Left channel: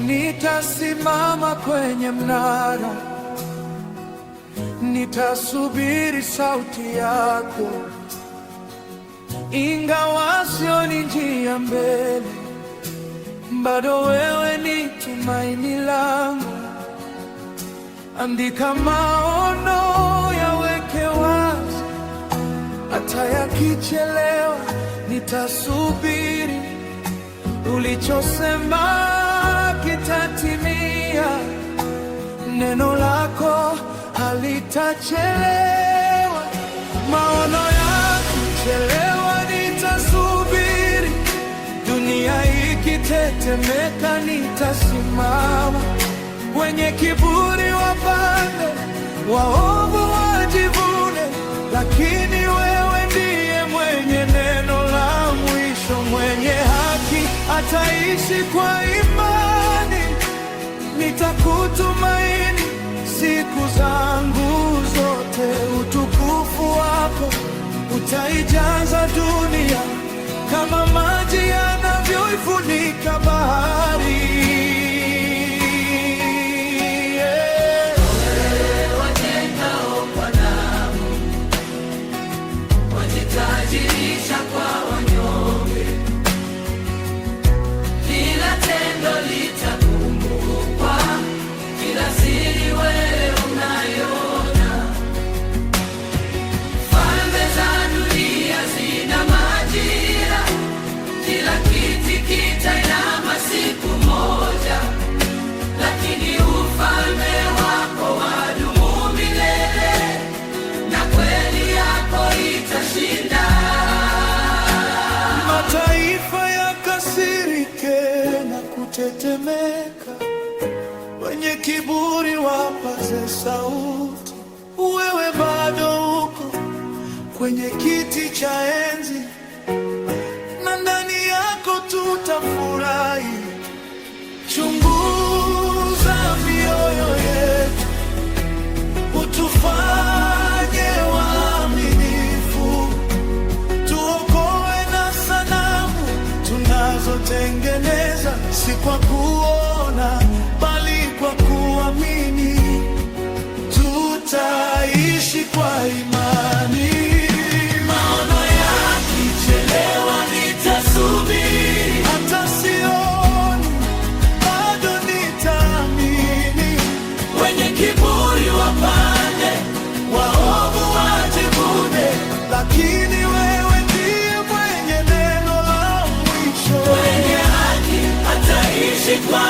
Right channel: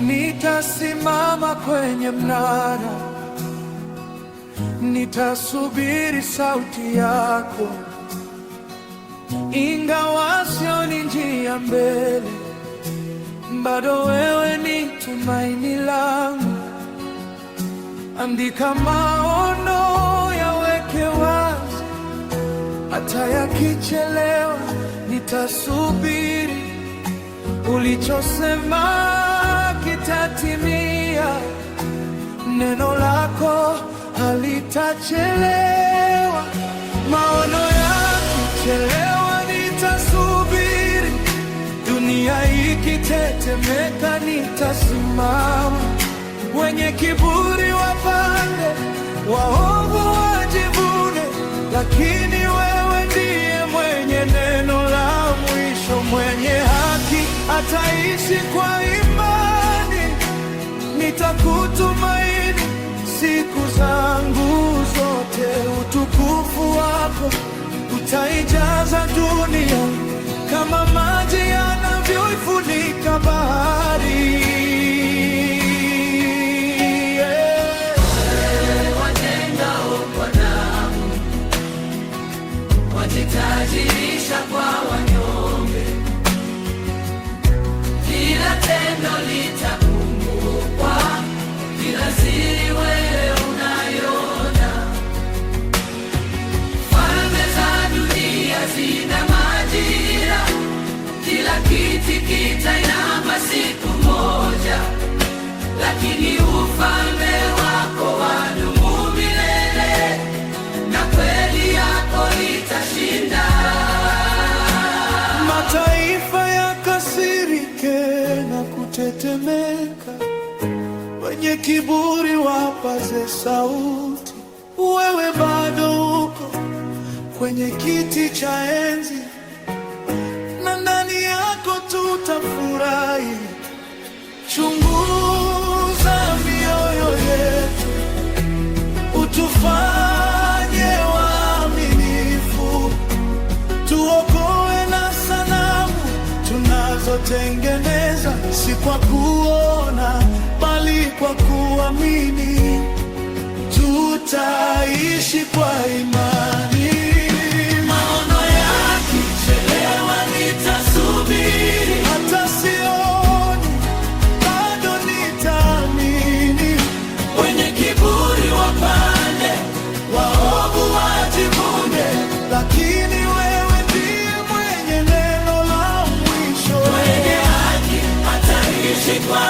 nitasimama kwenye mnara, nitasubiri sauti yako. Ingawa sioni njia mbele, bado wewe ni tumaini langu. Andika maono, yaweke wazi, hata yakichelewa nitasubiri. Ulichosema kitatimia, neno lako halitachelewa. Maono yakichelewa nitasubiri, dunia ikitetemeka nitasimama. Wenye kiburi wapande, waovu wajivune, lakini wewe ndiye mwenye neno la mwisho. Mwenye haki ataishi kwa imani, nitakutumaini siku zangu zote. Utukufu wako utaijaza dunia, kama maji yanavyoifunika bahari. Wajitajirisha kwa wanyonge, kila tendo litakumbukwa, kila siri wewe unaiona. Falme za dunia zina majira, kila kiti kitainama siku moja, lakini ufalme wako wadumu milele, na kweli yako itashinda. Mataifa yakasirike na kutetemeka, wenye kiburi wapaze sauti. Wewe bado uko kwenye kiti cha enzi, na ndani yako tutafurahi. Chunguza mioyo yetu, utufanye waaminifu, tuokoe na sanamu tunazotengeneza, si kwa kuona bali kwa kuamini. Tutaishi kwa imani. Maono yakichelewa nitasubiri, hata sioni bado nitaamini. Wenye kiburi wapande, waovu wajivune, lakini wewe ndiye mwenye neno la mwisho. Mwenye haki ataishi kwa